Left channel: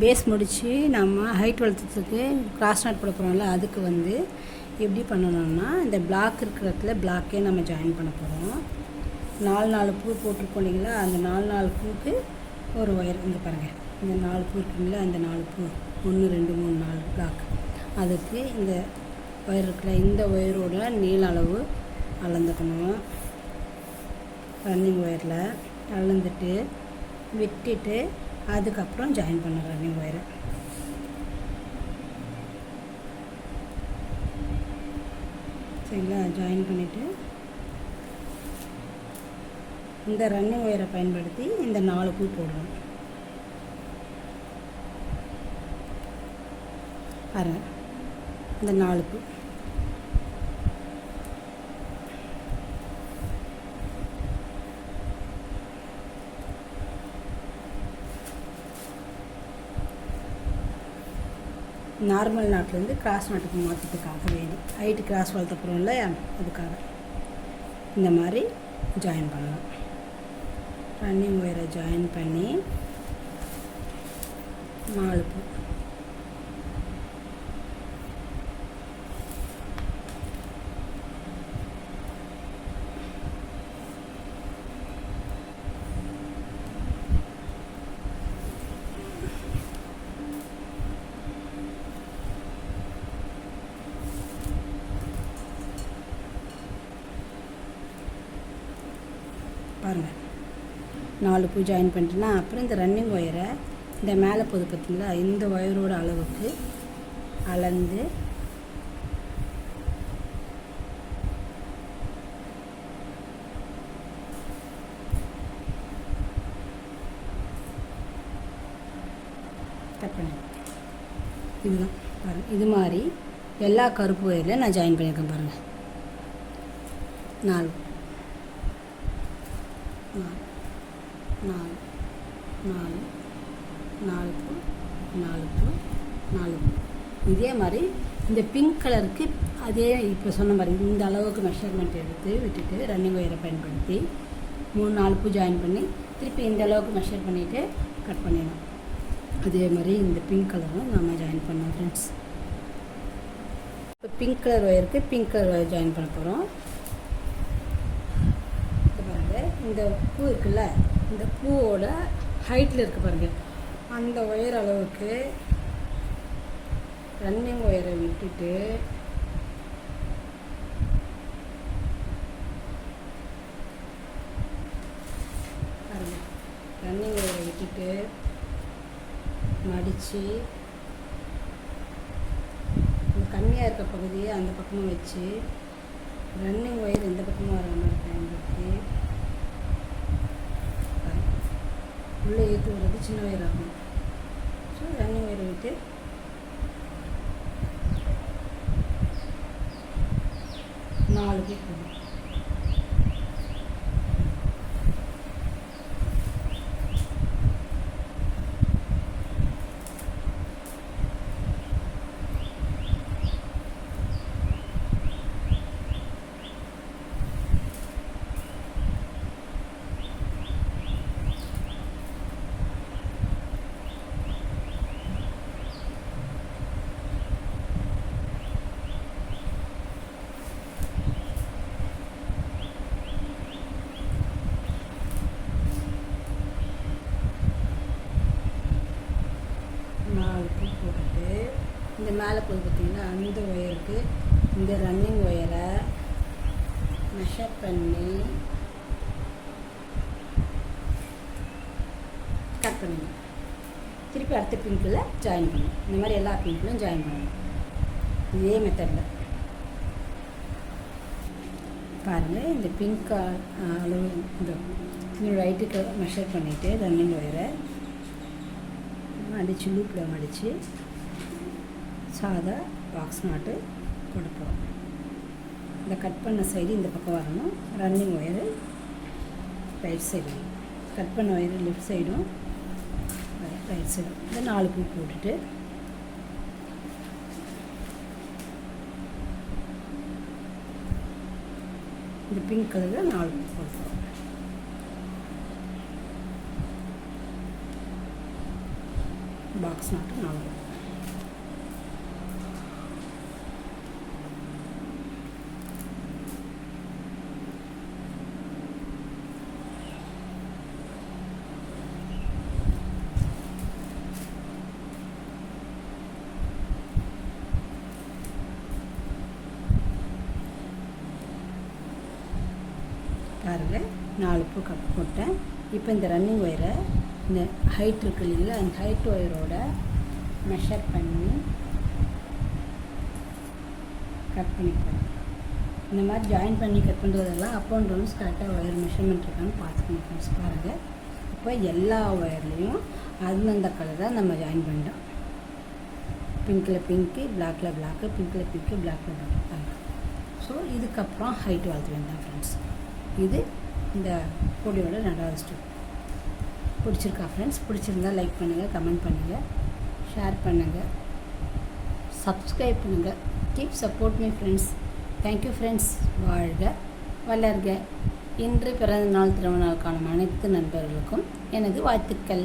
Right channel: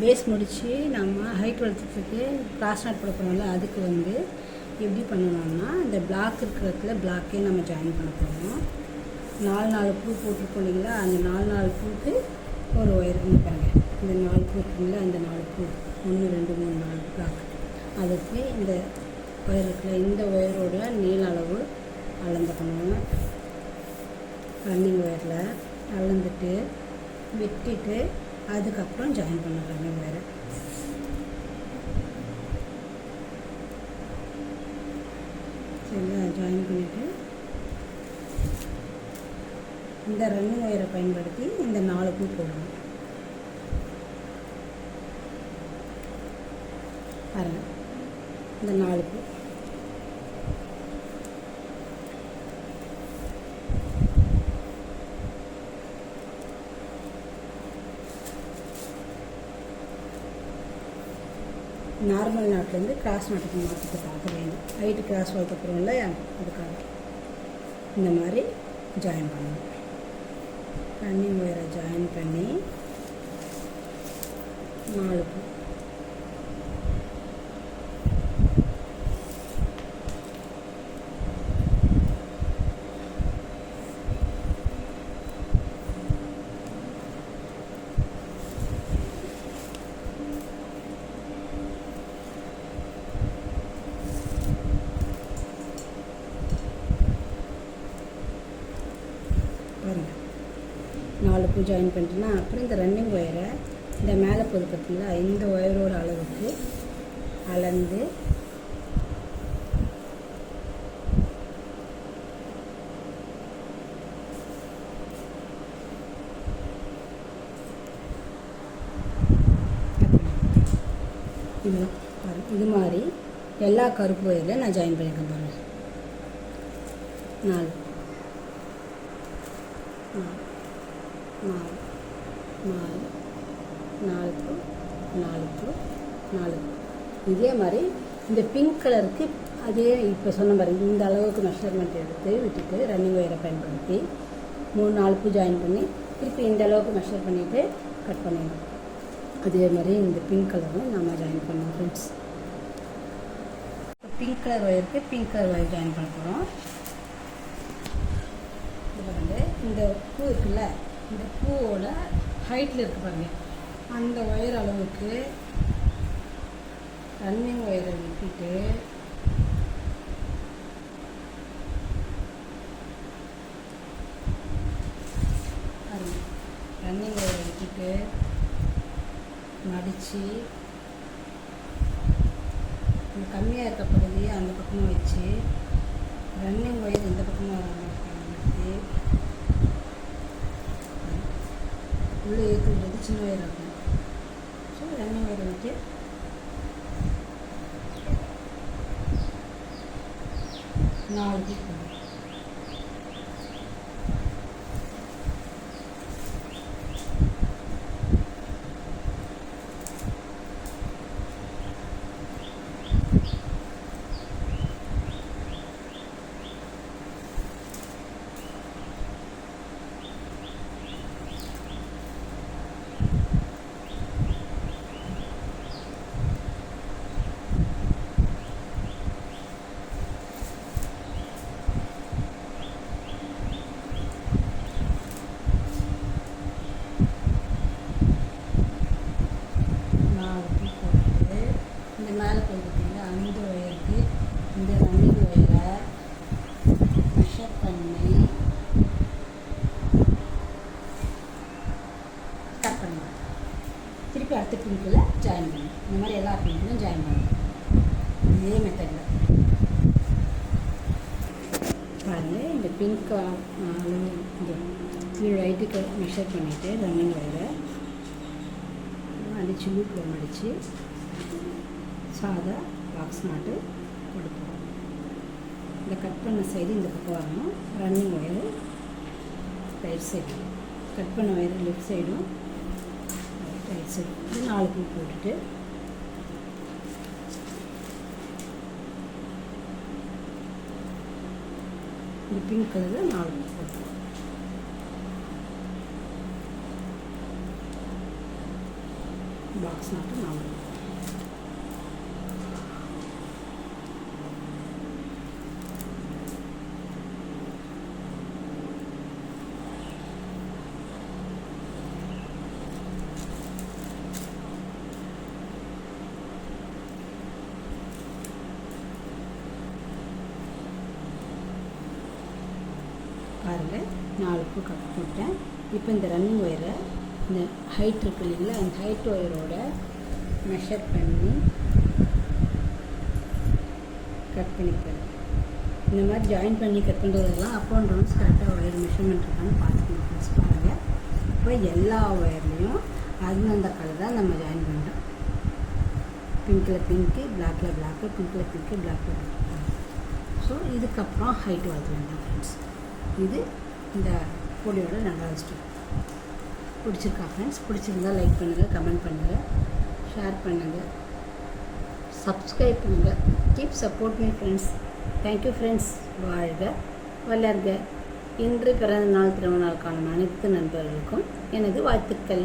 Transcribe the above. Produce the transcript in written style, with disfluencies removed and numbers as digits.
Base முடித்து நம்ம height வளர்த்துறதுக்கு cross not கொடுக்கணும்ல, அதுக்கு வந்து எப்படி பண்ணணும்னா இந்த பிளாக் இருக்கிற இடத்துல பிளாக்கே நம்ம ஜாயின் பண்ண போகிறோம். 4 பூ போட்டிருக்கோம் இல்லைங்களா, அந்த 4 பூவுக்கு ஒரு ஒயர் பாருங்கள். இந்த 4 பூ இருக்குங்களா, அந்த 4 பூ 1 2 3 4 பிளாக், அதுக்கு இந்த ஒயர் இருக்குல்ல, இந்த ஒயரோட நீள அளவு அளந்துக்கணும். ரன்னிங் ஒயரில் அளந்துட்டு விட்டுட்டு அதுக்கப்புறம் ஜாயின் பண்ண ரன்னிங் ஒயரை. சரிங்களா, ஜாயின் பண்ணிவிட்டு இந்த ரன்னிங் ஒயரை பயன்படுத்தி இந்த 4 பூ போடணும். பாருங்கள், இந்த 4 பூ நார்மல் நாட்லேருந்து கிராஸ் நாட்டுக்கு மாற்றத்துக்காக வேணும். ஹைட்டு கிராஸ் வளர்த்துக்கிறோம் இல்லையா, அதுக்காக இந்த மாதிரி ஜாயின் பண்ணணும். ரன்னிங் ஒயரை ஜாயின் பண்ணி 4 பூ பாருங்கள். 4 பூ ஜாயின் பண்ணிட்டேன்னா அப்புறம் இந்த ரன்னிங் ஒயரை இந்த மேலே போது பார்த்தீங்களா, இந்த ஒயரோட அளவுக்கு அளந்து இது மாதிரி எல்லா கருப்பு ஒயரில் நான் ஜாயின் பண்ணியிருக்கேன். பாருங்கள், 4 இதே மாதிரி இந்த பிங்க் கலருக்கு அதே இப்போ சொன்ன மாதிரி இந்த அளவுக்கு மெஷர்மெண்ட் எடுத்து விட்டுட்டு ரன்னிங் ஒயரை பயன்படுத்தி 3-4 பூ ஜாயின் பண்ணி திருப்பி இந்த அளவுக்கு மெஷர் பண்ணிவிட்டு கட் பண்ணிடணும். அதே மாதிரி இந்த பிங்க் கலரும் நம்ம ஜாயின் பண்ணுவோம் ஃப்ரெண்ட்ஸ். இப்போ பிங்க் கலர் ஒயருக்கு பிங்க் கலர் ஒயர் ஜாயின் பண்ண போகிறோம். இந்த பூ இருக்குல்ல, இந்த பூவோட ஹைட்டில் இருக்குது பாருங்கள், அந்த ஒயர் அளவுக்கு ரன்னிங் ஒயரை விட்டுட்டு ரன்னிங் ஒயரை விட்டுட்டு மடித்து கம்மியாக இருக்க பகுதியை அந்த பக்கமும் வச்சு ரன்னிங் ஒயர் இந்த பக்கமும் வர மாதிரி பயன்படுத்தி உள்ளே ஏற்றி விடுறது சின்ன ஒயர் ஆகும். ஸோ ரன்னிங் ஒயரை விட்டு 4 பூ போடணும். இந்த மேலே போய் பார்த்தீங்கன்னா அந்த ஒயருக்கு இந்த ரன்னிங் ஒயரை மெஷர் பண்ணி கட் பண்ணுவேன். திருப்பி அடுத்த பிங்கில் ஜாயின் பண்ணுவேன். இந்த மாதிரி எல்லா பிங்க்லையும் ஜாயின் பண்ணுவேன். இதே மெத்தடில் பாருங்கள். இந்த பிங்க் இந்த லைட்டுக்கு மெஷர் பண்ணிவிட்டு ரன்னிங் ஒயரை அடித்து லூப்பில் மடித்து சாதா பாக்ஸ் நாட்டு கொடுப்போம். இந்த கட் பண்ண சைடு இந்த பக்கம் வரணும். Running wire right side, cut பண்ண ஒயரு லெஃப்ட் சைடும் ரைட் சைடு. இந்த 4 பூ போட்டுட்டு இந்த பிங்க் கலரில் 4 பூ போட்டுருவோம். பாக்ஸ் மட்டும் 4. பாருங்கள் 4 பூ கட் போட்டேன். இப்போ இந்த ரன்னிங் ஒயரை இந்த ஹைட் இருக்கு இல்லைங்களா, அந்த ஹைட் ஒயரோட மெஷர் பண்ணி கட் பண்ணிக்கிறேன். இந்த மாதிரி ஜாயின் பண்ணி கட் பண்ணுறதெல்லாம் அப் அண்ட் டவுன்ஸ் கரெக்டாக ஒயர் மெஷர்மெண்ட் இருக்கான்னு பார்த்துக்கணும் ஃப்ரெண்ட்ஸ். பாருங்கள், இப்போ எல்லா ஒயர்லேயும் அந்தந்த கலர் தான் நம்ம ஜாயின் பண்ணுறோம். பிங்க்கில் பிங்க்கு, பிளாக்கில் பிளாக்கு, பிங்க்கில் பிங்க்கு, பிளாக்கில் பிளாக். ஸோ இதுக்கப்புறம் ஹைட் வளர்த்து வேண்டாம் ஃப்ரெண்ட்ஸ். இது இந்த பொடியோட 2வது ஸ்டெப். பிடிச்சிருக்கா ஃப்ரெண்ட்ஸ்? பிடிச்சிருந்தால் லைக் பண்ணுங்கள், கமெண்ட் பண்ணுங்கள், ஷேர் பண்ணுங்கள், சப்ஸ்கிரைப் பண்ணுங்கள். Keep support me friends. Thank you friends. வாழ்க வளர்க. இன்று பிறந்த நாள் திருமண நாள் காணும் அனைத்து நண்பர்களுக்கும் எனது வாழ்த்துக்கள்.